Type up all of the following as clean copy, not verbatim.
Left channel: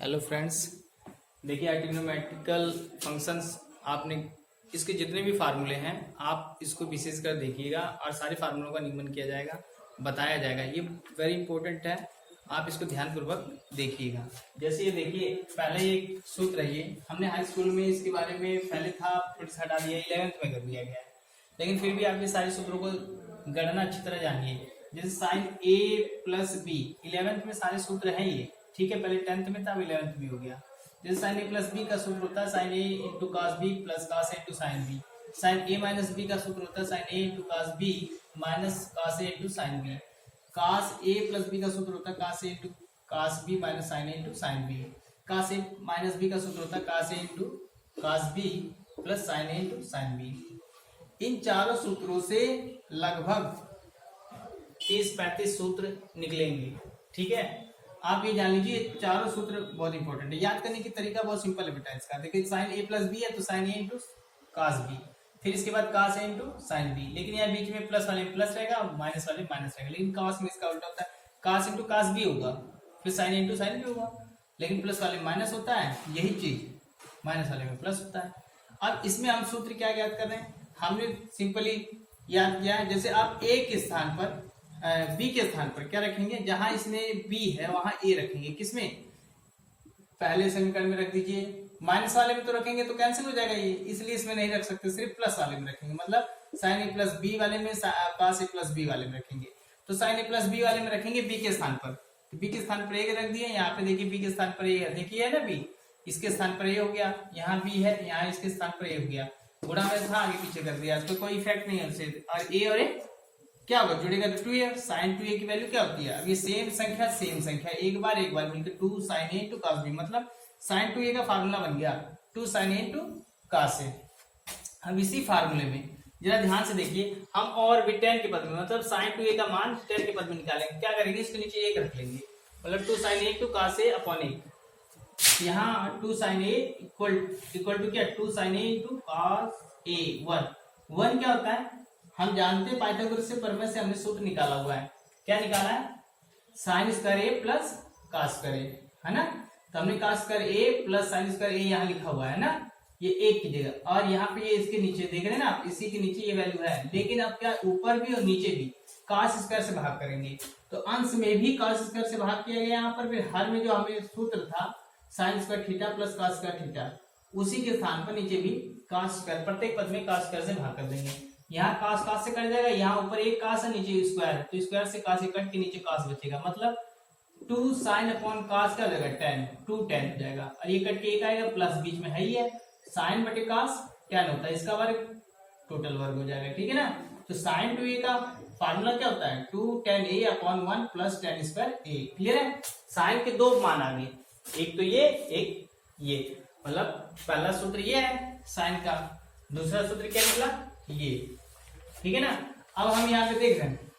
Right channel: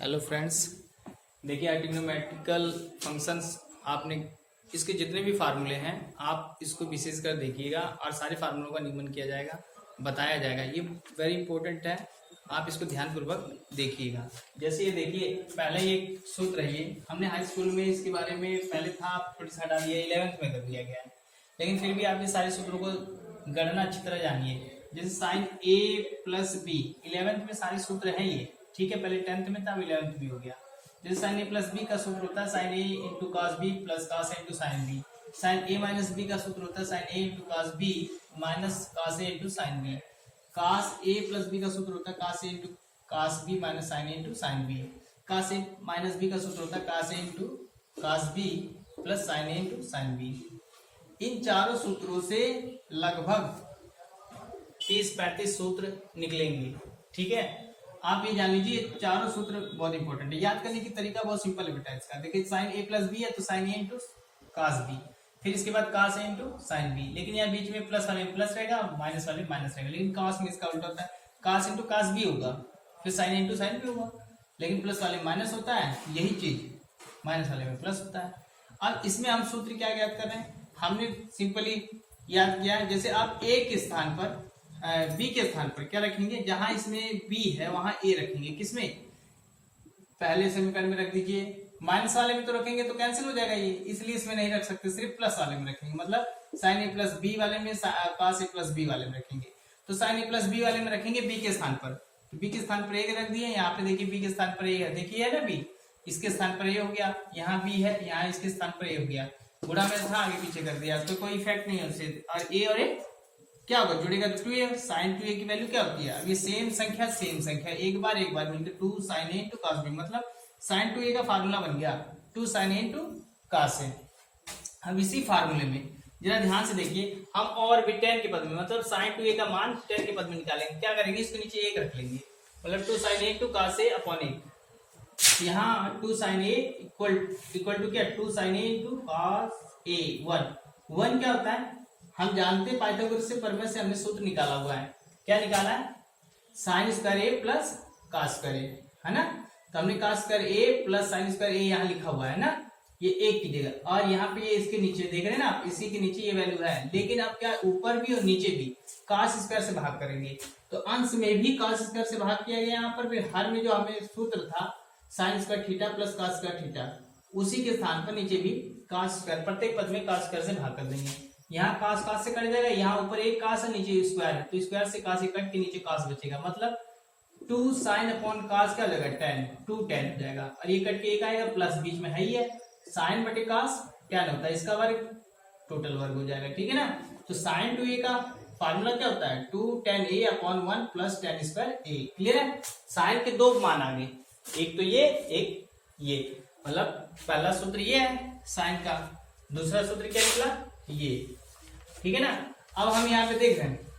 Hello friends, देखिए trigonometrical functions आपने इसके जितने भी फार्मूले हैं आप इसको विशेष कर देखिएगा और सारे फार्मूलों का नियमन किया जाएगा, बताया जाएगा। ये वेरी इंपॉर्टेंट है, आप इसको ध्यानपूर्वक देखिएगा। जैसे ये देखिए, पहले ये सूत्र है, ये हमने हाई स्कूल में इसके बारे में पहले था, थोड़ी सा हटा दिया, 11th में कर दिया गया है, लेकिन फिर भी आप ये सारे सूत्रों को गणना अच्छी तरह जानिए। जैसे sign A plus B 11th में सारे सूत्र हैं ये, ठीक है। पहले 10th में था, अब 11th भी हो गया। जैसे साइन ए प्लस बी का सूत्र होता है sine A into cos B plus cos A into sine B. Sine A minus B का सूत्र होता है sine A into cos B minus cos A into sine B. Cos A plus B का सूत्र होता है cos A into cos B minus sine A into sine B. Cos A minus B का सूत्र होता है cos A into cos B plus sine A into sine B. इन चारों सूत्रों से लगभग 30-35 सूत्र निकलेंगे, ठीक है। आप ये जान लीजिए, चारों सूत्र बहुत इंपॉर्टेंट है। याद करने की तरीका बहुत सिंपल है बेटा इसका। देखिए साइन ए प्लस बी है तो sine A into cos B, फिर इसके बाद कास ए इंटू साइन बी। लेकिन यहाँ बीच में प्लस वाले में प्लस रहेगा, माइनस वाले में माइनस रहेगा। लेकिन कास में इसका उल्टा होता है, कास इंटू कास बी होगा, फिर साइन इंटू साइन बी होगा। लेकिन प्लस वाले में माइनस होता है, यही चीज माइनस वाले में प्लस होता है। अब इसमें हम सूत्र क्या याद कर रहे हैं, हमने सिंपली याद किया। जैसे आप ए के स्थान पर बी के स्थान पर क्या रखेंगे, जहां इसमें बी है वहां ए रखेंगे। किसमें, पहले समीकरण में रख दीजिए। माइनस वाले में तो रखेंगे तो कैंसिल हो जाएगा ये, इसलिए इसमें नहीं रख सकते, सिर्फ प्लस वाले में रखेंगे। मतलब साइन ए प्लस बी वाले में कास ए प्लस बी वाले में रखेंगे। तो साइन ए प्लस बी वाले में रखेंगे बी के स्थान पर। बी के स्थान पर ए रख दिए, यहाँ पे देखिए बी के स्थान पर ए है, देखिए है ना बी, इसके स्थान पर ए हो गया। यहाँ बी है, यहाँ इसके स्थान पर ए हो गया। गुणा में था, आगे पीछे कर दिया, तो कोई इफेक्ट नहीं है उससे। और ए और ए क्या होगा, जुड़ेगा 2a। साइन 2a की वैल्यू क्या होती है, अब ये सेम संख्या एक बार मिलकर 2 sign A into cos B, मतलब साइन 2a का फार्मूला बन गया 2 साइन ए इंटू कास ए। अब इसी फार्मूले में जरा ध्यान से देखिए, हम और भी 10 के पद में, मतलब साइन 2a का मान 10 के पद में निकालेंगे। क्या करेंगे, इसके नीचे 1 रख लेंगे, मतलब 2 sign A into cos A upon 1। यहाँ 2 साइन ए इक्वल टू क्या, 2 साइन ए इंटू कास ए 1 क्या होता है, हम जानते हैं पाइथागोरस से प्रमेय से हमने सूत्र निकाला हुआ है। क्या निकाला है, साइन स्क्वायर ए प्लस कास स्क्वायर ए, है ना। तो हमने कास स्क्वायर ए प्लस साइन स्क्वायर ए यहाँ लिखा हुआ है ना, ये 1 की जगह। और यहाँ पे ये इसके नीचे देख रहे हैं ना आप, इसी के नीचे ये वैल्यू है। लेकिन अब क्या, ऊपर भी और नीचे भी कास स्क्वायर से भाग करेंगे, तो अंश में भी कास स्क्वायर से भाग किया गया यहाँ पर। फिर हर में जो हमें सूत्र था sine square theta plus cos square theta, उसी के स्थान पर नीचे भी कास स्क्वायर, प्रत्येक पद में कास स्क्वायर से भाग कर देंगे। यहाँ कास कास से कट जाएगा, यहाँ ऊपर एक कास है, नीचे स्क्वायर है, तो स्क्वायर से कास कट के नीचे कास बचेगा। मतलब 2 साइन अपॉन कास क्या हो जाएगा, 10, 2 10 हो जाएगा। और ये कट के एक आएगा, प्लस बीच में है ही है, साइन बटे कास 10 होता है, इसका वर्ग टोटल वर्ग हो जाएगा, ठीक है ना। तो साइन 2a का फार्मूला क्या होता है, 2 10 a upon 1 plus 10 square a। Clear है। साइन के 2 मान आ गए, एक तो ये, एक ये, मतलब पहला सूत्र ये है साइन का, दूसरा सूत्र क्या निकला ये, ठीक है ना। अब हम यहाँ पे देख रहे हैं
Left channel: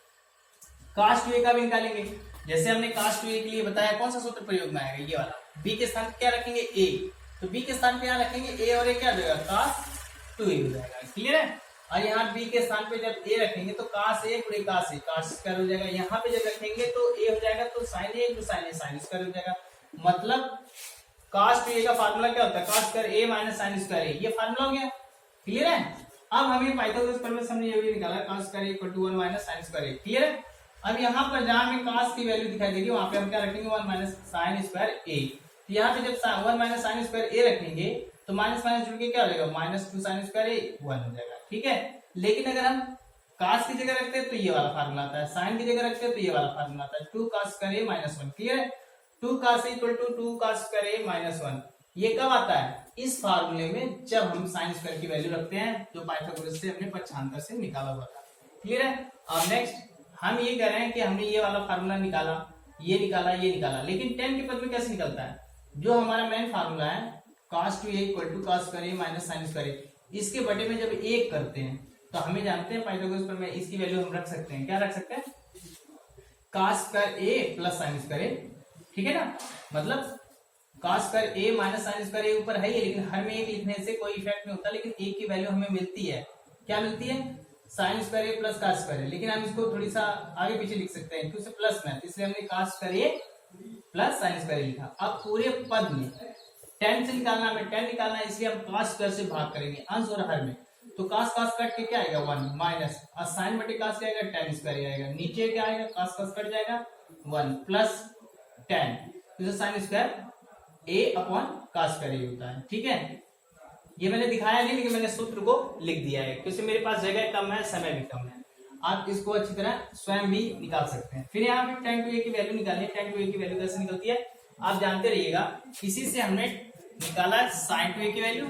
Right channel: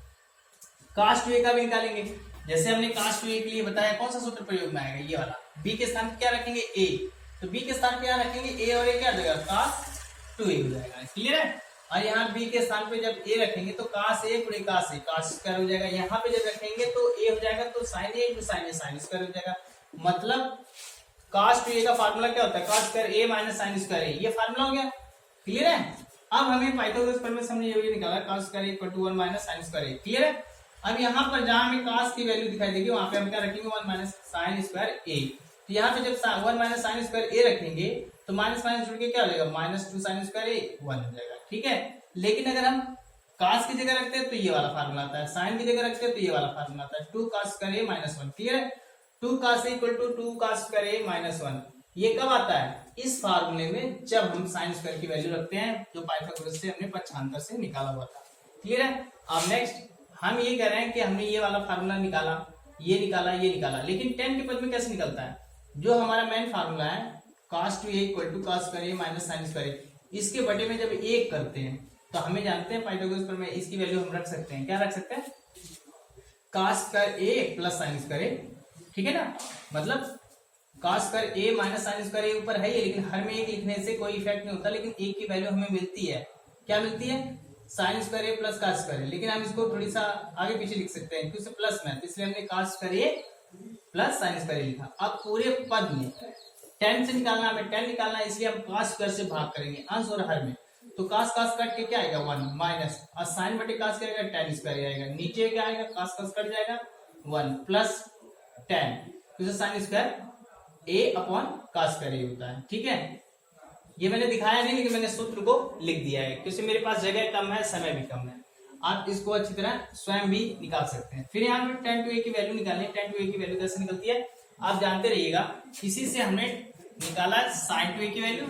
कास 2a का भी निकालेंगे। जैसे हमने कास 2a के लिए बताया, कौन सा सूत्र प्रयोग में आएगा, ये वाला। b के स्थान पे क्या रखेंगे, a, तो b के स्थान पे यहाँ रखेंगे a और a क्या हो जाएगा, कास 2a हो जाएगा। क्लियर है। और यहाँ b के स्थान पे जब a रखेंगे तो कास a गुणे कास a, कास स्क्वायर हो जाएगा। यहाँ पे जब रखेंगे तो a हो जाएगा, तो sine a into sine a, sine square हो जाएगा। मतलब कास 2a का फार्मूला क्या होता है, cos square a minus sine square a, ये फार्मूला हो गया। क्लियर है। अब हमें पाइथागोरस प्रमेय से हमने ये निकाला, cos square equal to 1 minus sine square A. Clear है। अब यहाँ पर जहां हमें कास की वैल्यू दिखाई देगी, वहां पे हम क्या रखेंगे, 1 माइनस साइन स्क्वायर ए। तो यहाँ पे जब 1 माइनस साइन स्क्वायर ए रखेंगे तो माइनस माइनस जुड़ के क्या हो जाएगा, माइनस 2 साइन स्क्वायर ए 1 हो जाएगा, ठीक है। लेकिन अगर हम कास की जगह रखते हैं तो ये वाला फार्मूला आता है, साइन की जगह रखते हैं तो ये वाला फार्मूला आता है, 2 cos square A minus 1। Clear है। 2 cos equal to 2 cos square A minus 1, ये कब आता है, इस फार्मूले में, जब हम साइन स्क्वायर की वैल्यू रखते हैं, जो पाइथागोरस से हमने पक्षांतर से निकाला हुआ था। क्लियर है। अब नेक्स्ट हम ये कह रहे हैं कि हमने ये वाला फार्मूला निकाला, ये निकाला, ये निकाला, लेकिन 10 के पद में कैसे निकलता है, जो हमारा मेन फार्मूला है cos 2a equal to cos square A minus sine square A, इसके बटे में जब 1 करते हैं तो हमें जानते हैं पाइथागोरस प्रमेय, इसकी वैल्यू हम रख सकते हैं, क्या रख सकते हैं, कास स्क्वायर ए प्लस साइन स्क्वायर ए, ठीक है ना। मतलब कास square A minus sine square ए ऊपर है ही, लेकिन हर में 1 लिखने से कोई इफेक्ट नहीं होता, लेकिन 1 की वैल्यू हमें मिलती है, क्या मिलती है, साइन स्क्वायर ए प्लस कास स्क्वायर ए। लेकिन हम इसको थोड़ी सा आगे पीछे लिख सकते हैं क्योंकि प्लस में, इसलिए हमने कास स्क्वायर ए प्लस साइन स्क्वायर ए लिखा। अब पूरे पद में tan से निकालना, हमें tan निकालना है, इसलिए हम cos स्क्वायर से भाग करेंगे अंश और हर में। तो cos कट के क्या आएगा 1 माइनस, और साइन बटे cos क्या आएगा tan स्क्वायर आएगा, नीचे क्या आएगा cos कट जाएगा 1 प्लस tan, तो sine square a upon cos square A होता है। ठीक है, ये मैंने दिखाया नहीं लेकिन मैंने सूत्र को लिख दिया है क्योंकि मेरे पास जगह कम है, समय भी कम है। आप इसको अच्छी तरह स्वयं भी निकाल सकते हैं। फिर यहाँ पे tan टू a की वैल्यू निकालनी है। tan टू a की वैल्यू कैसे निकलती है आप जानते रहिएगा। इसी से हमने निकाला है sin टू a की वैल्यू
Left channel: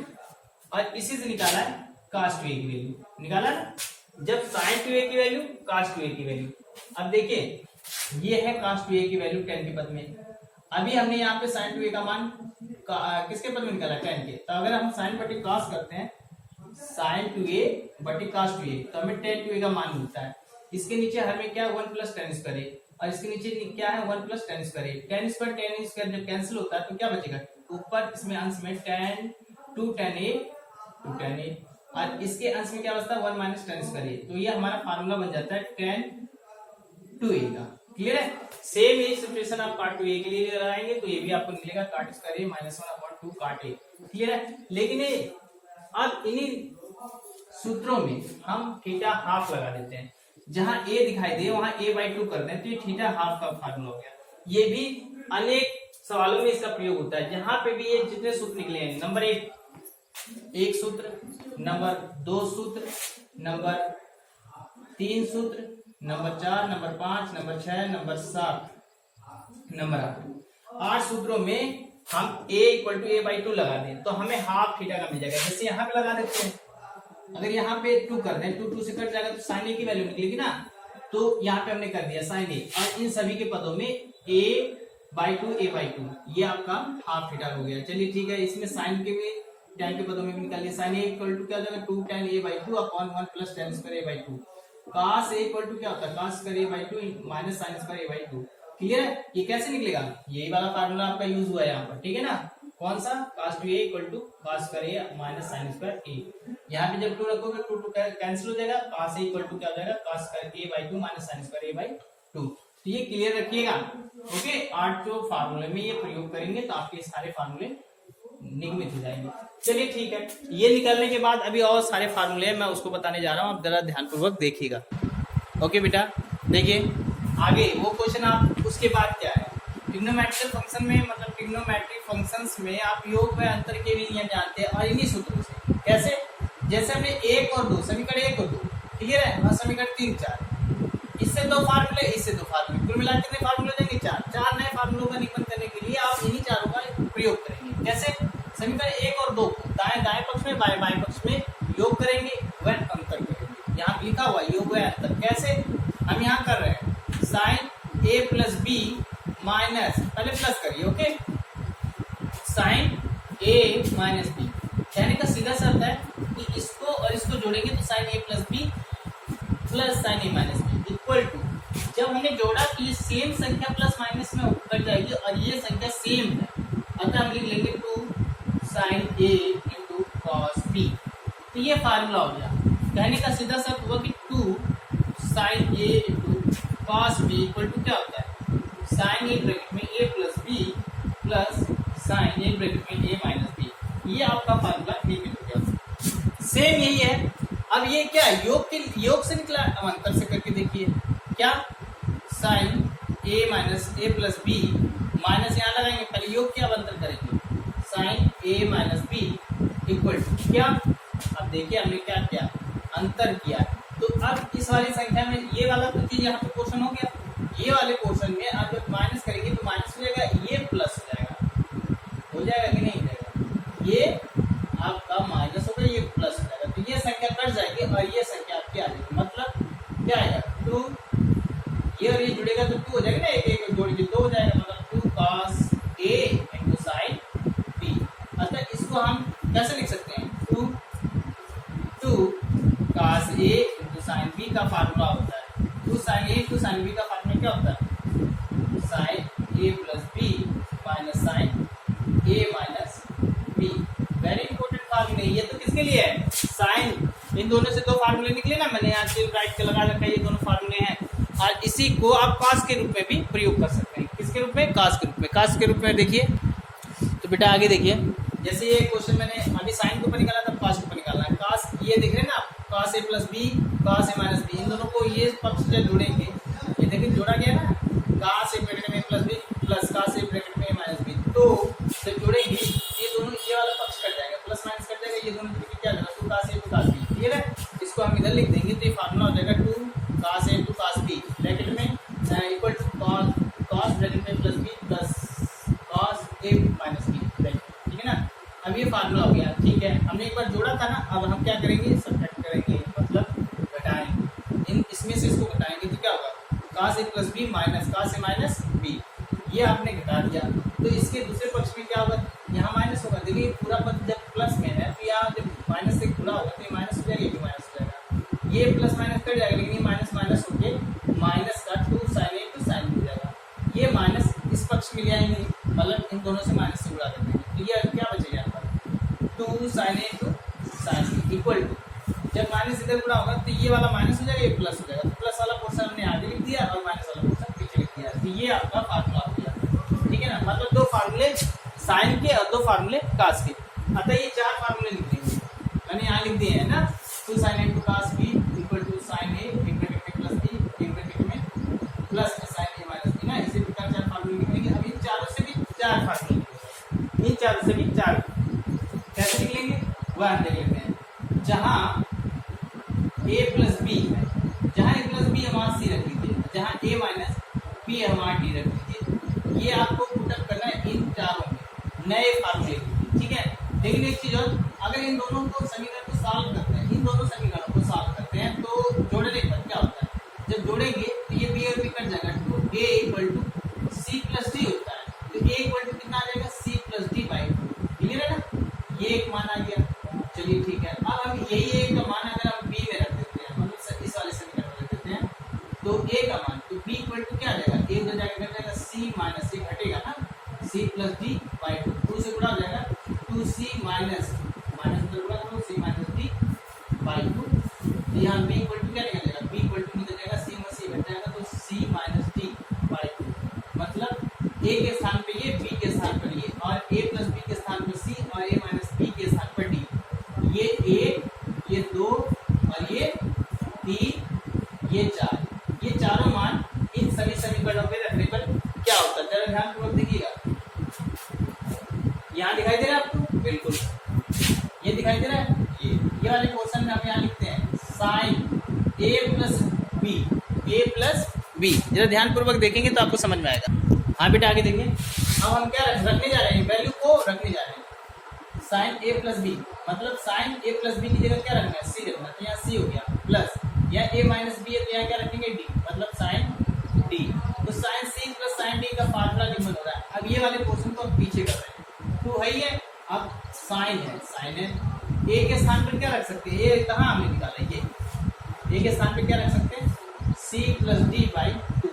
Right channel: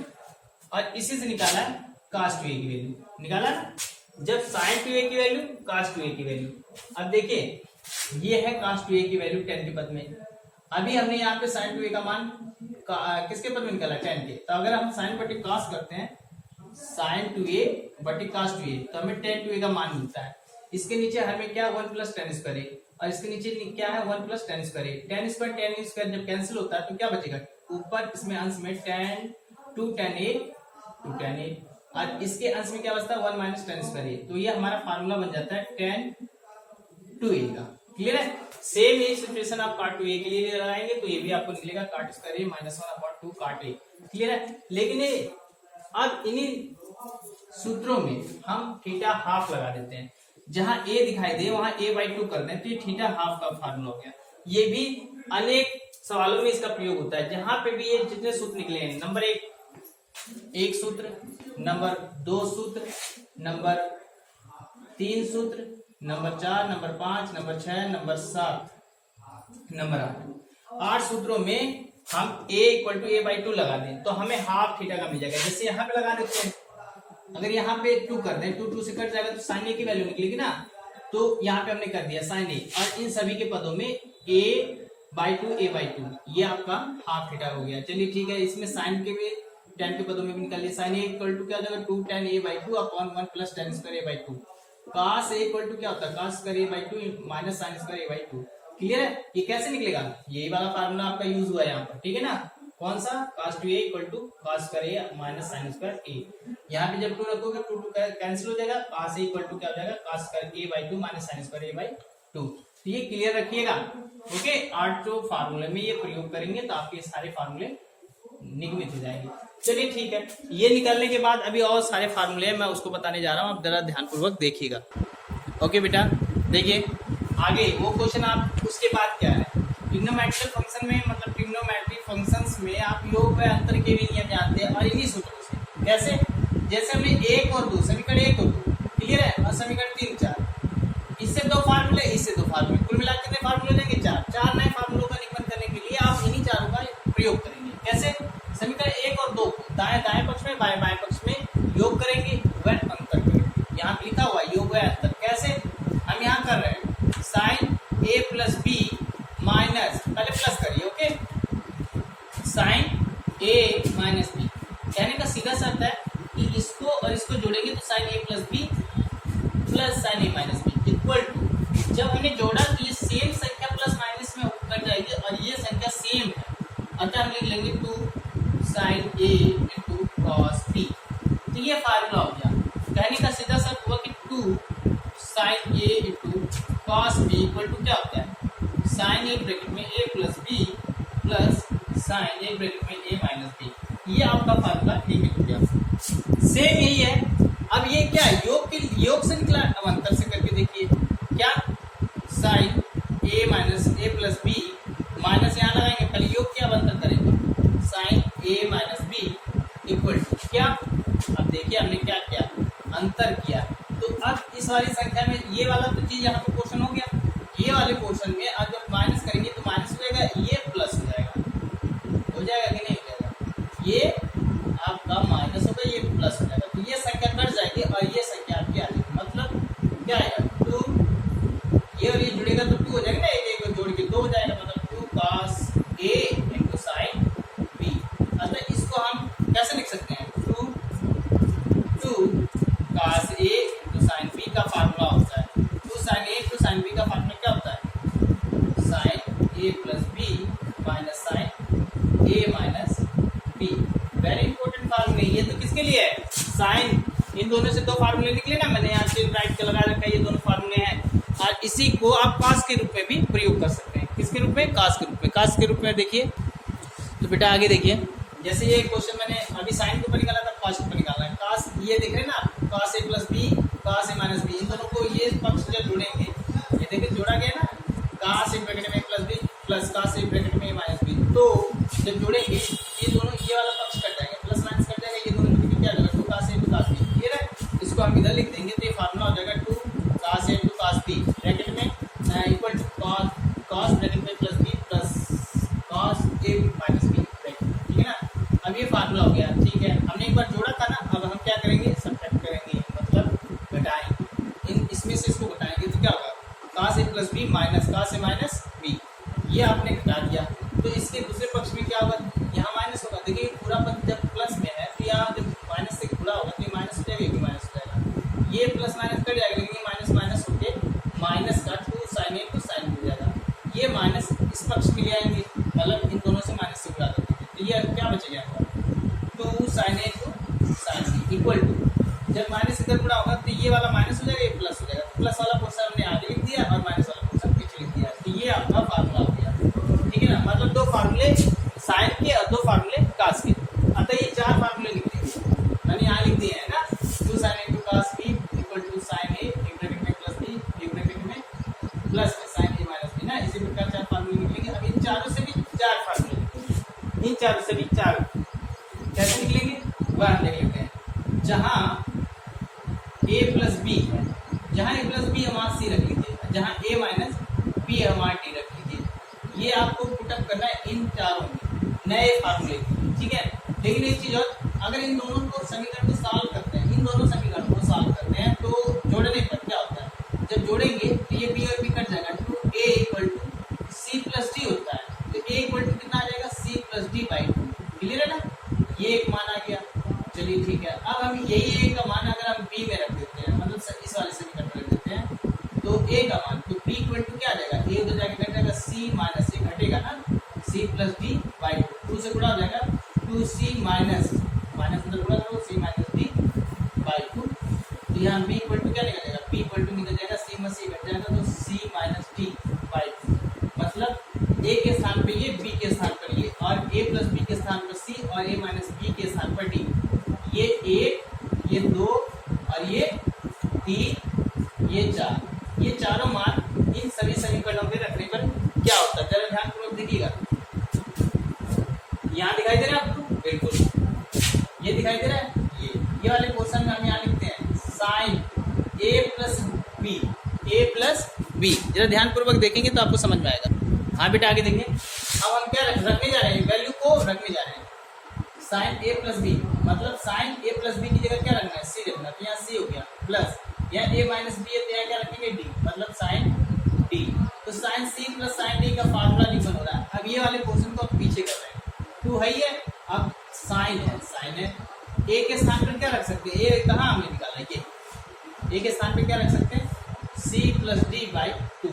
और इसी से निकाला है cos टू a की वैल्यू, निकाला ना। जब sin टू a की वैल्यू cos टू a की वैल्यू, अब देखिए ये है cos टू a की वैल्यू tan के पद में। अभी हमने यहाँ पे sin टू a का मान किसके पद में निकाला tan के, तो अगर हम sin बटे cos करते हैं sin टू a बटे cos टू a तो हमें tan टू a का मान मिलता है। इसके नीचे हर में क्या 1 प्लस tan स्क्वायर a और इसके नीचे क्या है 1 plus tan square a। tan square जब कैंसिल होता है तो क्या बचेगा, ऊपर इसमें अंश में tan टू tan a और इसके अंश में क्या बचता है 1 माइनस tan स्क्वायर a। तो ये हमारा फार्मूला बन जाता है tan टू a का। क्लियर है। सेम ये सिचुएशन आप cot टू a के लिए भी लगाएंगे तो ये भी आपको निकलेगा cot square a minus 1 upon 2 cot a। Clear है। लेकिन अब इन्हीं सूत्रों में हम थीटा हाफ लगा देते हैं, जहां a दिखाई दे वहां a/2 कर दें तो ये थीटा हाफ का फार्मूला हो गया। ये भी अनेक सवालों में इसका प्रयोग होता है, जहां पे भी ये जितने सूत्र निकले हैं, नंबर एक सूत्र, नंबर 2 सूत्र, नंबर 3 सूत्र, number 4, number 5, number 6, number 7, number 8 सूत्रों में हम a इक्वल टू a/2 लगा दें तो हमें हाफ थीटा का मिल जाएगा। जैसे यहाँ पे लगा देते हैं, अगर यहाँ पे 2 कर दें 2 से कट जाएगा तो साइन a की वैल्यू निकलेगी ना, तो यहाँ पे हमने कर दिया साइन a और इन सभी के पदों में a/2 ये आपका हाफ थीटा हो गया। चलिए ठीक है, इसमें साइन के भी tan के पदों में भी निकाल लिया। साइन a इक्वल टू क्या हो जाएगा 2 tan a/2 upon 1 plus tan square a/2। cos a equal to क्या होता है cos square a/2 minus sine square a/2। Clear है। ये कैसे निकलेगा, यही वाला फार्मूला आपका यूज हुआ है यहाँ पर, ठीक है ना। कौन सा cos two a equal to cos square a minus sine square a। यहाँ पे जब 2 रखोगे 2 कैंसिल हो जाएगा, cos a इक्वल टू क्या हो जाएगा cos square a/2 minus sine square a/2। तो ये क्लियर रखिएगा। ओके, 8 जो फार्मूले में ये प्रयोग करेंगे तो आपके सारे फार्मूले निगमित हो जाएंगे। चलिए ठीक है, ये निकालने के बाद अभी और सारे फार्मूले हैं, मैं उसको बताने जा रहा हूँ, आप जरा ध्यानपूर्वक देखिएगा। ओके बेटा, देखिए आगे वो क्वेश्चन आप उसके बाद क्या है, ट्रिग्नोमेट्रिक फंक्शन में, मतलब ट्रिग्नोमेट्रिक फंक्शंस में आप योग व अंतर के भी नियम जानते हैं और इन्हीं सूत्रों से। कैसे, जैसे हमने 1 और 2 समीकरण 1 और 2 क्लियर है, और समीकरण 3 4, इससे 2 फार्मूले, इससे 2 फार्मूले, कुल मिलाकर कितने फार्मूले लेंगे 4 नए फार्मूलों का निगमन करने के लिए आप इन्हीं चारों का प्रयोग करेंगे। कैसे, समीकरण 1 और 2 को दाएं पक्ष में बाएं पक्ष में योग करेंगे व अंतर करेंगे। यहाँ पे लिखा हुआ योग व अंतर। कैसे, हम यहाँ कर रहे हैं sine a plus B minus, पहले प्लस करिए, okay, sine a minus B. कहने का सीधा सा अर्थ है कि इसको और इसको जोड़ेंगे तो sine a plus B plus sine a minus B equal to, जब हमने जोड़ा तो ये सेम संख्या प्लस माइनस में कट जाएगी और ये संख्या सेम है, अतः हम लिख लेंगे 2 sine a into cos b। तो ये फार्मूला हो गया। कहने का सीधा सा अर्थ हुआ कि 2 sine a into cos b equal to क्या होता है साइन a ब्रैकेट में a plus b plus sine a bracket में a माइनस b। ये आपका फार्मूला निकल हो गया। सेम यही है। अब ये क्या है, योग से निकला, अब अंतर से करके देखिए क्या, sine a minus a plus b minus यहाँ लगाएंगे, पहले योग क्या, अब अंतर करेंगे sine a minus b equal to क्या। अब देखिए हमने क्या किया, अंतर किया। तो अब इस वाली संख्या में ये वाला तो चीज यहाँ पे पोर्शन हो गया, ये वाले पोर्शन में अब जब माइनस करेंगे तो माइनस हो जाएगा, ये प्लस हो जाएगा कि नहीं हो जाएगा, ये आपका माइनस होगा, ये प्लस हो जाएगा। तो ये संख्या कट जाएगी और ये संख्या आपकी आ जाएगी, मतलब क्या आएगा 2, ये और ये जुड़ेगा तो 2 हो जाएगा ना, एक जोड़ के 2 हो जाएगा, मतलब 2 cos a into sine b। अतः इसको हम कैसे लिख सकते हैं, 2 cos a into sine b का फार्मूला होता है 2 sine a into sine b का फार्मूला क्या होता है sine a plus b minus sine a minus b। Very important फार्मूले। ये तो किसके लिए है, साइन, इन दोनों से 2 फार्मूले निकले ना, मैंने यहाँ से राइट के लगा रखा है, ये दोनों फार्मूले हैं और इसी को आप कॉस के रूप में भी प्रयोग कर सकते हैं। किसके रूप में, कास के रूप में। कास के रूप में देखिए तो बेटा आगे देखिए, जैसे ये क्वेश्चन मैंने अभी साइन के ऊपर निकाला था, कास के ऊपर निकालना है। कास ये देख रहे हैं ना आप, कास A plus B, cos A minus B, इन दोनों को ये पक्ष जब जोड़ेंगे, ये देखिए जोड़ा गया ना, कास ए ब्रैकेट में plus B plus cos A bracket में माइनस बी, तो जब जोड़ेंगे ये दोनों, ये वाला पक्ष कट जाएगा, प्लस माइनस कट जाएगा, ये दोनों जुड़ के क्या जाएगा, two cos A two cos B. Clear है, इसको हम इधर लिख देंगे तो ये फार्मूला हो जाएगा two cos A two cos B bracket में इक्वल टू कॉस ब्रैकेट में plus B plus cos A minus B bracket. ठीक है ना, अब ये फार्मूला हो गया। ठीक है, हमने एक बार जोड़ा था ना, अब हम क्या करेंगे, सब्ट्रैक्ट करेंगे, मतलब घटाएंगे, इन इसमें से इसको घटाएंगे तो क्या होगा, कास A plus B minus cos A minus B, ये आपने घटा दिया। तो इसके दूसरे पक्ष में क्या होगा, यहाँ माइनस होगा। देखिए पूरा पद जब प्लस में है तो यहाँ जब माइनस से गुणा होगा तो ये माइनस हो जाएगा, ये भी माइनस हो जाएगा, ये प्लस माइनस कट जाएगा, लेकिन ये माइनस माइनस होके माइनस का two sine A two sine B हो जाएगा। ये माइनस इस पक्ष में ले आएंगे, मतलब इन दोनों से माइनस से उड़ा देंगे, तो ये क्या बचेगा आपका, two sine A two sine B equal to, जब माइनस इधर गुणा होगा तो ये वाला माइनस हो जाएगा, ये प्लस हो जाएगा, प्लस वाला पोर्शन हमने आगे लिख दिया और माइनस वाला पोर्शन पीछे लिख दिया। तो ये आपका फार्मूला हो गया। ठीक है ना, मतलब दो फार्मूले साइन के और दो फार्मूले कास के, अतः ये चार फार्मूले लिख देंगे, मैंने यहाँ लिख दिए हैं ना, two sine A two cos B equal to sine A एक ब्रैकेट में प्लस बी एक ब्रैकेट में प्लस में साइन ए माइनस बी ना, इसी प्रकार चार फार्मूले निकलेंगे। अब इन चारों से भी चार फार्मूले निकलेंगे, इन चारों से भी चार कैसे निकलेंगे वह हम देख लेते हैं। जहाँ ए प्लस बी है, जहाँ ए प्लस बी है वहाँ सी रख लीजिए, जहाँ ए माइनस बी है वहाँ डी रख लीजिए। ये आपको पुटअप करना है इन चारों में नए फार्मूले। ठीक है, लेकिन एक चीज और, अगर इन दोनों को समीकरण को सॉल्व करते हैं, इन दोनों समीकरणों को सॉल्व करते हैं तो जोड़ने पर क्या होता है, जब जोड़ेंगे तो ये बी और बी कट जाएगा, two A equal to C plus D होता है, तो ए इक्वल टू कितना आ जाएगा, C plus D by two. Clear है ना, ये एक मान आ गया। चलिए ठीक है, अब हम यही ए का मान अगर हम बी में रख देते हैं, मतलब इस वाले समीकरण में रख देते हैं, तो ए का मान, तो बी इक्वल टू क्या आ जाएगा, ए उधर जाके कट जाएगा, सी माइनस ए घटेगा ना, C plus D by two से गुणा हो जाएगा, टू सी माइनस माइनस उधर गुणा करो, सी माइनस डी बाई टू। तो यहाँ बी इक्वल टू क्या निकल जाएगा, बी इक्वल टू निकल जाएगा, सी में सी घट जाएगा, तो सी माइनस डी बाई टू, मतलब ए के स्थान पे ये, बी के स्थान पर ये, और ए प्लस बी के स्थान पर सी और ए माइनस बी के स्थान पर डी। ये एक, ये दो और ये तीन, ये चार, ये चारों मान इन सभी समीकरणों पे रखने पर क्या होता है, जरा ध्यानपूर्वक देखिएगा। यहाँ दिखाई दे रहा है आपको, बिल्कुल ये दिखाई दे रहा है, ये वाले पोर्शन में हम यहाँ लिखते हैं sign A plus B, A plus B. जरा ध्यानपूर्वक देखेंगे तो आपको समझ में आएगा। हाँ बेटा आगे देखेंगे, अब हम क्या रखने जा रहे हैं, वैल्यू को रखने जा रहे हैं, साइन ए प्लस बी, मतलब साइन ए प्लस बी की जगह क्या रखना है, सी रखना, तो यहाँ सी हो गया, प्लस यहाँ ए माइनस बी है तो यहाँ क्या रखेंगे, डी, मतलब साइन डी। तो sine C plus sine D का फार्मूला निम्न हो रहा है। अब ये वाले पोर्शन को आप पीछे कर रहे हैं, टू है ही है, अब साइन है, ए के स्थान पर क्या रख सकते हैं, ए कहाँ हमने निकाला है, ये ए के स्थान पर क्या रख सकते हैं, C plus D by two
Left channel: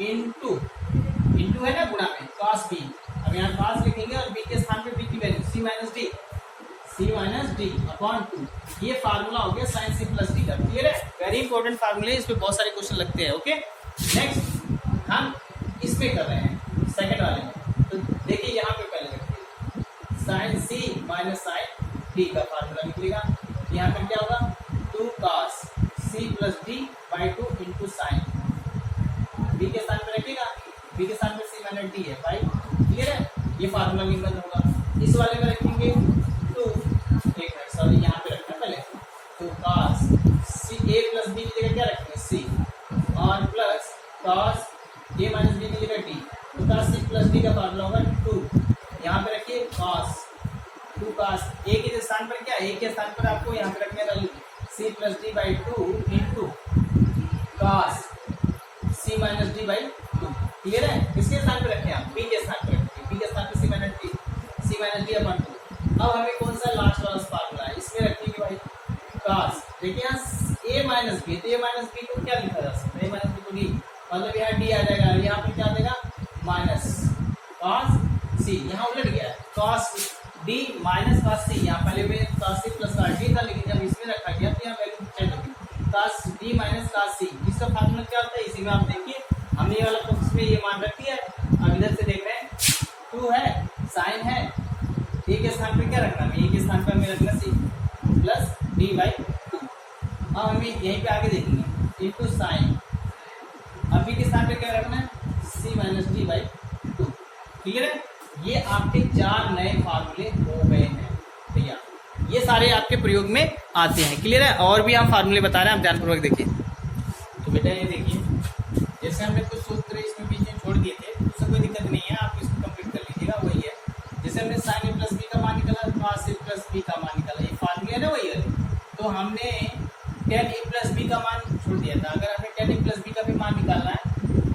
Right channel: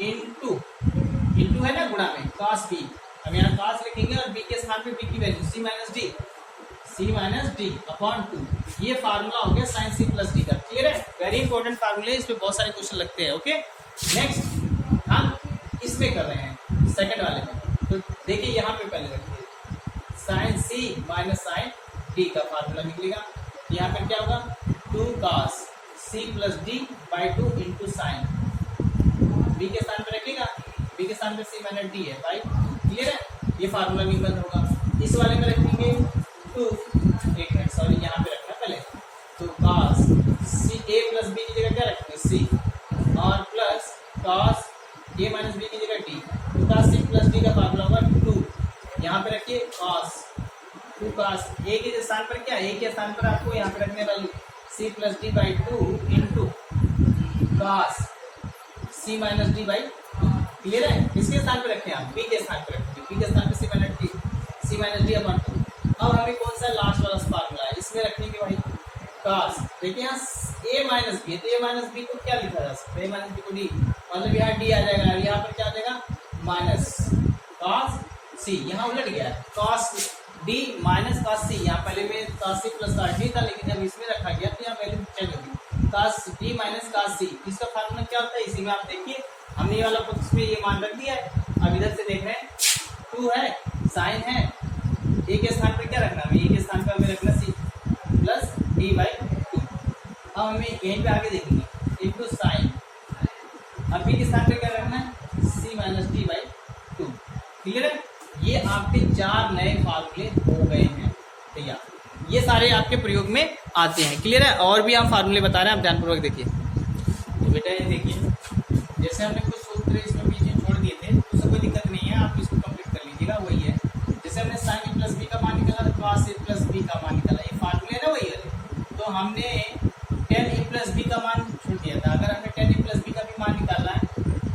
into है ना गुणा में कॉस बी, अब यहाँ कॉस लिखेंगे और बी के स्थान पे बी की value C minus D upon two. ये फार्मूला हो गया साइन सी प्लस डी का। क्लियर है, वेरी इंपॉर्टेंट फार्मूले, इस पे बहुत सारे क्वेश्चन लगते हैं। ओके, नेक्स्ट हम इसमें कर रहे हैं सेकंड वाले में, तो देखिए यहाँ पे पहले रखिए sine C minus sine D का फार्मूला निकलेगा। यहाँ पर क्या होगा, two cos C plus D by two into sine, B के स्थान पर रखिएगा, बी के स्थान पर सी माइनस डी है बाई। क्लियर है, ये फार्मूला भी बंद होगा। इस वाले में रखेंगे टू, एक मिनट सॉरी यहाँ पे रखना पहले, तो कॉस सी ए प्लस बी की जगह क्या रखेंगे, सी, और plus cos A minus B की जगह डी, तो कॉस सी प्लस डी का फार्मूला होगा टू, यहाँ पे रखिए कॉस, टू कॉस ए के स्थान पर क्या, ए के स्थान पर आपको यहाँ पे रखने value C plus D by two into cos C minus D by two. Clear है, किसके स्थान पर रखें आप, बी के स्थान पर रखेंगे, बी के स्थान पर C minus D upon two. अब हमें कौन सा लास्ट वाला फार्मूला है, इसमें रखेंगे भाई कॉस, देखिए यहाँ ए माइनस बी, तो ए माइनस बी को क्या लिखा जा सकता है, ए माइनस बी को डी, मतलब यहाँ डी आ जाएगा, यहाँ पर क्या आ जाएगा माइनस कॉस सी, यहाँ उलट गया है cos D minus cos C, यहाँ पहले में cos C plus cos D था, लेकिन जब इसमें रखा गया तो यहाँ वैल्यू चेंज होगी, cos D minus cos C. इसका फार्मूला क्या होता है, इसी में आप देखिए हमने ये वाला पक्ष में ये मान रख दिया है। अब इधर से देख रहे हैं 2 है, साइन है, ए के स्थान पर क्या रखना है, ए के स्थान पर हमें रखना सी प्लस d/2। अब हमें यहीं पे आगे देखेंगे इंटू साइन, अब बी के स्थान पे क्या रखना है, सी माइनस d/2। क्लियर है? ये आपके 4 नए फार्मूले हो गए हैं तैयार। ये सारे आपके प्रयोग में आते हैं। क्लियर है? और भी हम फार्मूले बता रहे हैं, आप ध्यानपूर्वक देखिए। तो बेटा ये देखिए, जैसे हमने कुछ सूत्र इसमें बीच में छोड़ दिए थे, उससे कोई दिक्कत नहीं है, आप इसको कंप्लीट कर लीजिएगा। वही है, जैसे हमने साइन ए प्लस बी का मान निकाला, कॉस ए प्लस बी का मान निकाला, ये फार्मूले है ना वही है। तो हमने टेन ए प्लस बी का मान छोड़ दिया था। अगर हमें टेन ए प्लस बी का भी मान निकालना है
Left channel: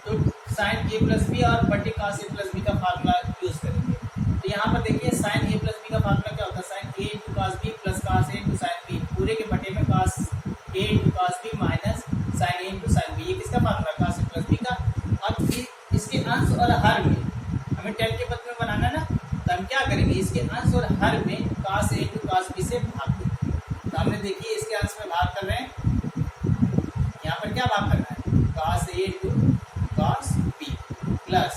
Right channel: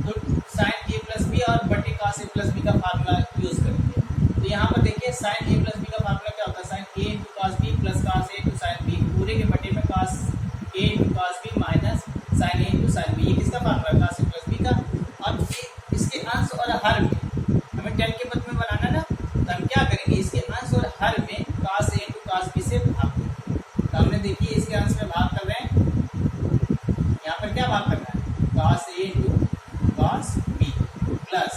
तो साइन ए प्लस बी और बटे कॉस ए प्लस बी का फार्मूला यूज करेंगे। तो यहाँ पर देखिए साइन ए प्लस बी का फार्मूला क्या होता है, sine A into cos B plus cos A into sine B, पूरे के बटे में cos A into cos B minus sine A into sine B. ये किसका फार्मूला है, कॉस ए प्लस बी का। अब इसके अंश और हर में हमें टेन के पद में बनाना ना, तो हम क्या करेंगे, इसके अंश और हर में cos A into cos B से भाग देंगे। तो हमने देखिए इसके अंश में भाग कर रहे हैं, यहाँ पर क्या भाग करना है, cos A into cos B plus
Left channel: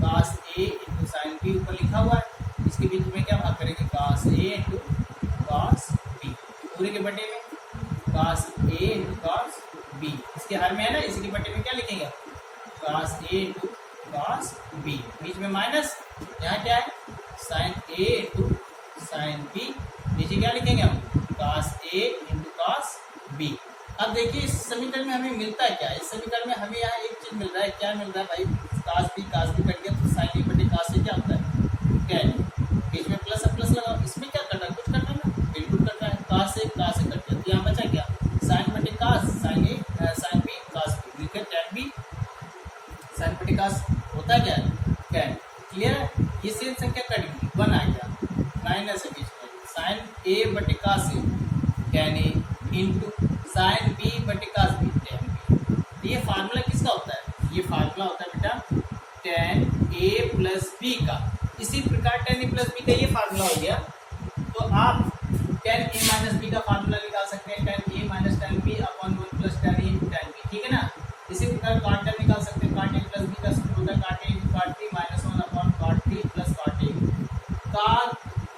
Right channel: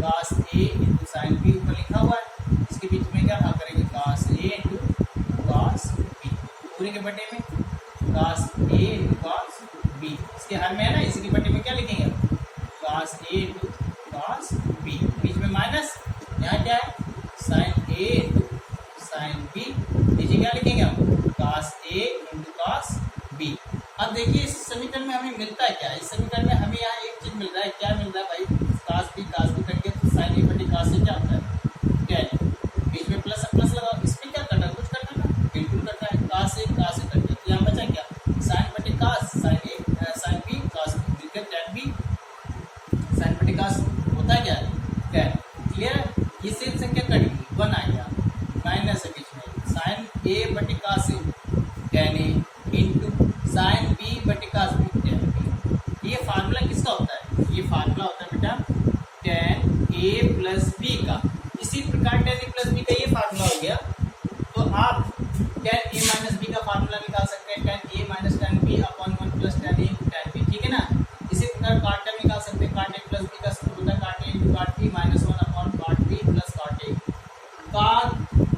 cos A into sine B ऊपर लिखा हुआ है, इसके बीच में क्या भाग करेंगे, cos A into cos B, पूरे के बटे में cos A into cos B, इसके हर में है ना, इसी के बटे में क्या लिखेंगे, cos A into cos B, बीच में माइनस, यहाँ क्या है, sine A into sine B, नीचे क्या लिखेंगे हम, cos A into cos B. अब देखिए इस समीकरण में हमें मिलता है क्या, इस समीकरण में हमें यहाँ एक चीज मिल रहा है, क्या मिल रहा है भाई, कॉस बी कट गया, तो साइन ए बटे कॉस ए क्या होता है, टेन, बीच में प्लस प्लस लगा, इसमें क्या करना है, कुछ करना ना, बिल्कुल करना है, कॉस ए कट गया, तो यहाँ बचा क्या, साइन बटे cos, sine A sine B cos B, tan B sine बटे कॉस होता है क्या, टेन। क्लियर है? ये सेम संख्या कट गई, 1 आ गया, माइनस है बीच में, साइन ए बटे cos A ten A into sine B बटे कॉस बी टेन। ये फार्मूला किसका होता है, ये फार्मूला होता है बेटा टेन ए प्लस बी का। इसी प्रकार टेन ए प्लस बी का ये फार्मूला हो गया, तो आप टेन ए माइनस बी का फार्मूला निकाल सकते हैं, tan A minus tan B upon 1 plus tan A into tan B, ठीक है ना। इसी प्रकार काट टर्म निकाल सकते हैं, काट ए प्लस बी का सूत्र होता है काट ए इंटू काट बी माइनस 1 अपॉन काट बी प्लस काट ए। काट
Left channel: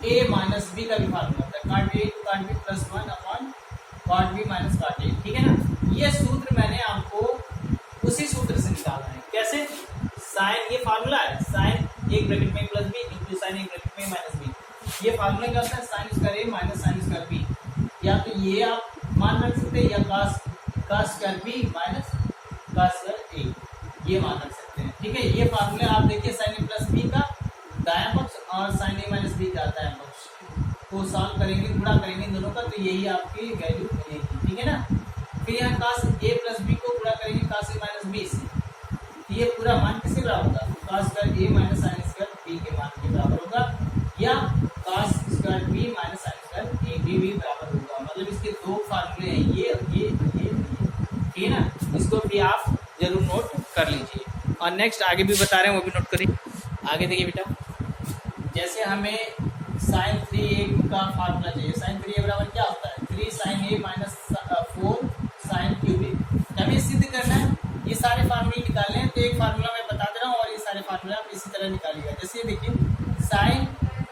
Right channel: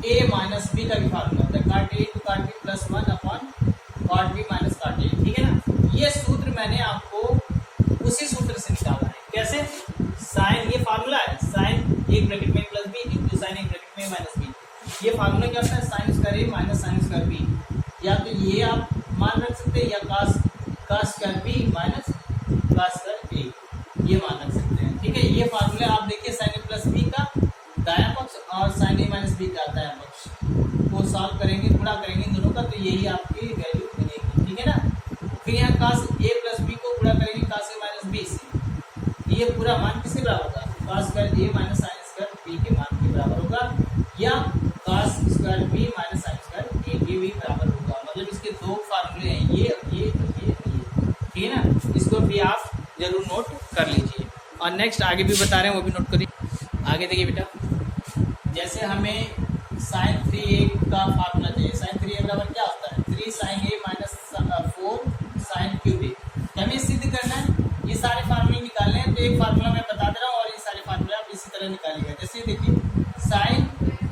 ए माइनस बी का भी फार्मूला होता है काट ए इंटू काट बी प्लस 1 अपॉन काट बी माइनस काट ए, ठीक है ना। ये सूत्र मैंने आपको उसी सूत्र से निकाला है, कैसे, साइन, ये फार्मूला है, साइन एक ब्रैकेट में प्लस बी इंटू साइन एक ब्रैकेट में माइनस बी। ये फार्मूला क्या होता है, sine square A minus sine square B, या तो ये आप मान रख सकते हैं, या cos square B minus cos square A, ये मान रख सकते हैं, ठीक है। ये फार्मूला आप देखिए साइन ए प्लस बी का दायां पक्ष और साइन ए माइनस बी का दायां पक्ष को सॉल्व करेंगे, गुणा करेंगे दोनों का, तो यही आपकी वैल्यू मिलेगी, ठीक है ना। फिर यहाँ कास ए प्लस बी को गुणा करेंगे कास ए माइनस बी से, ये पूरा मान किसके बराबर होगा, cos square A minus sine square B के मान के बराबर होगा, या cos square B minus sine square A के भी बराबर होगा। मतलब इसके दो फार्मूले हैं, ये और ये, ठीक है ना। इसको भी आप जरूर नोट कर लीजिए। और नेक्स्ट आगे भी बता रहे हैं, वो भी नोट करिए। आगे देखिए बेटा, जैसे हमें साइन 3a का फार्मूला चाहिए, साइन 3a बराबर क्या होता है, 3 sign A minus 4 sine cube ए। हमें सिद्ध करना है, ये सारे फार्मूले निकालने हैं, तो एक फार्मूला मैं बता दे रहा हूँ और ये सारे फार्मूले आप इसी तरह निकालिएगा। जैसे देखिए साइन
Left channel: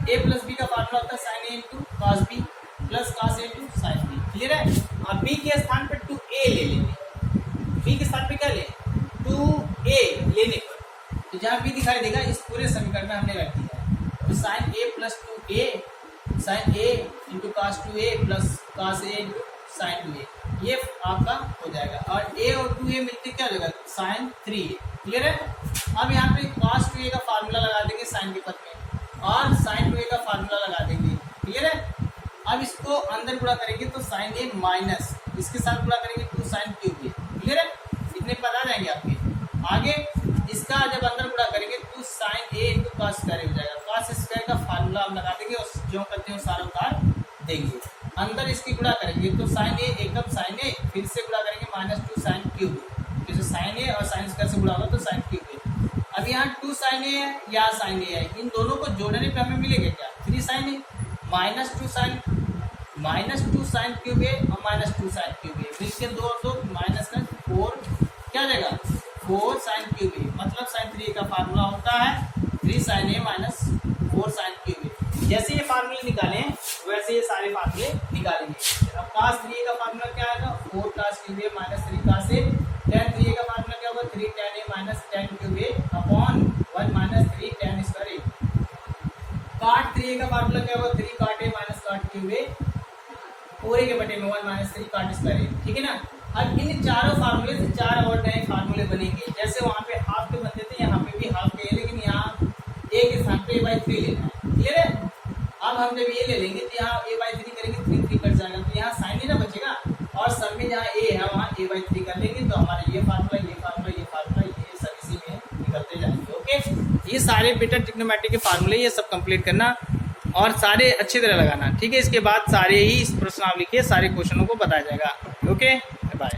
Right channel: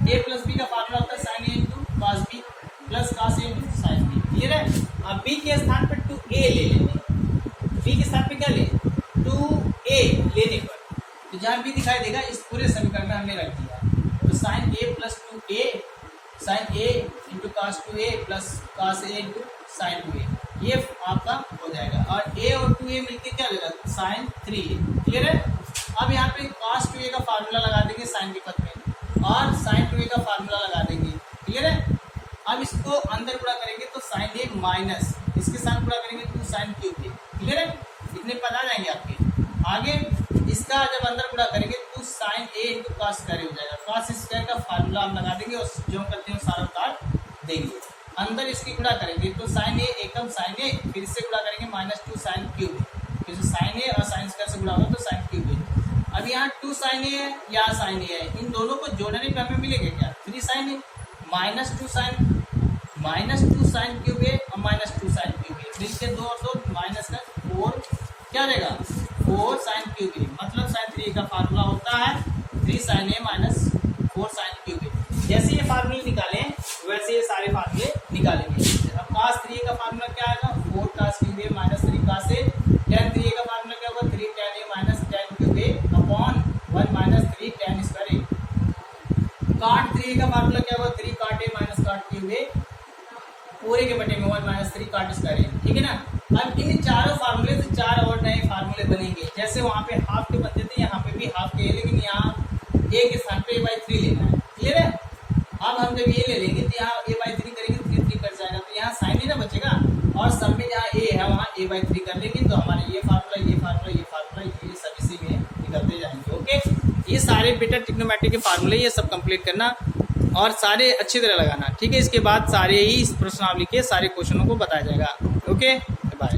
ए प्लस बी का फार्मूला होता है sine A into cos B plus cos A into sine B, clear है। अब बी के स्थान पर 2a ले लेंगे, बी के स्थान पर क्या लें, 2a लेने पर तो जहाँ बी दिखाई देगा इस पूरे समीकरण में हमने रख दिया है। तो sine A plus 2a, sine A into cos 2a plus cos A into sine 2a, ये आपका हो जाएगा। और a और 2a मिलके क्या हो जाएगा, साइन 3a, क्लियर है। अब यहाँ पे कॉस 2a का फार्मूला लगा देंगे साइन के पद में, और साइन 2a का फार्मूला लगा देंगे, क्लियर है। अब इसको अंदर गुणा करेंगे तो साइन ए माइनस इसके साथ गुणा करेंगे 2 साइन क्यूब ए, क्लियर है। इतने पद आ जाएंगे आपके। आगे इसका जब अंदर गुणा करेंगे तो sine A into cos square हो जाएगा, कॉस स्क्वायर का फार्मूला हम लगा देंगे और जो करते हैं सारा उतार देंगे। अंदर इसकी गुणा करेंगे तो साइन ए एकदम साइन ए, फिर से गुणा करेंगे माइनस 2 साइन क्यूब ए, फिर से साइन ए और साइन स्क्वायर से गुणा होगा तो साइन क्यूब ए। अब यहाँ 2 साइन ए है या साइन ए है, इन दोनों को जोड़ने पर हमें मिलेगा क्या, 3 sign A minus 2 sine cube ए और माइनस 2 साइन क्यूब ए, फिर इसके 2 और 2 माइनस का 4 क्या देगा 4 sin क्यूब ए, मतलब sin 3a का फार्मूला होता है 3 sin a minus 4 sin cube A. जैसे ये फार्मूले निकालें वैसे ये सारे फार्मूले निकालेंगे। अब cos 3a का फार्मूला क्या आएगा, 4 cos cube A minus 3 cos a। tan 3a का फार्मूला क्या होगा, 3 tan a minus tan cube A upon 1 minus 3 tan square a। cot 3a का फार्मूला क्या होगा, 3 cot a minus cot cube A पूरे के बटे में 1 माइनस 3 cot स्क्वायर ए, ठीक है ना। अब इन चारों फार्मूले से 4 और नए फार्मूले बनेंगे। जैसे वहाँ पे हाफ के बनते थे, यहाँ पे भी हाफ के, लेकिन यहाँ a के स्थान पे a/3 लेना है, क्लियर है। अब हम जब ये ले लेंगे तो यहाँ a/3 करेंगे, 3 3 कट जाएगा, तो यहाँ साइन ही ना बचेगा, और सब में जहाँ a है वहाँ a/3 कर लेंगे, तो हमारा ये फार्मूला ये फार्मूला ये फार्मूला ये सब इसी में निकलते जाएंगे। ओके, ये सारे बेटा ट्रिग्नोमेट्री के फार्मूले ये सब कंप्लीट करना और सारे अच्छी तरह लगाना, ठीक है। इसके बाद सारे ही इस प्रश्नावली के सारे क्वेश्चनों को बताया जाएगा। ओके।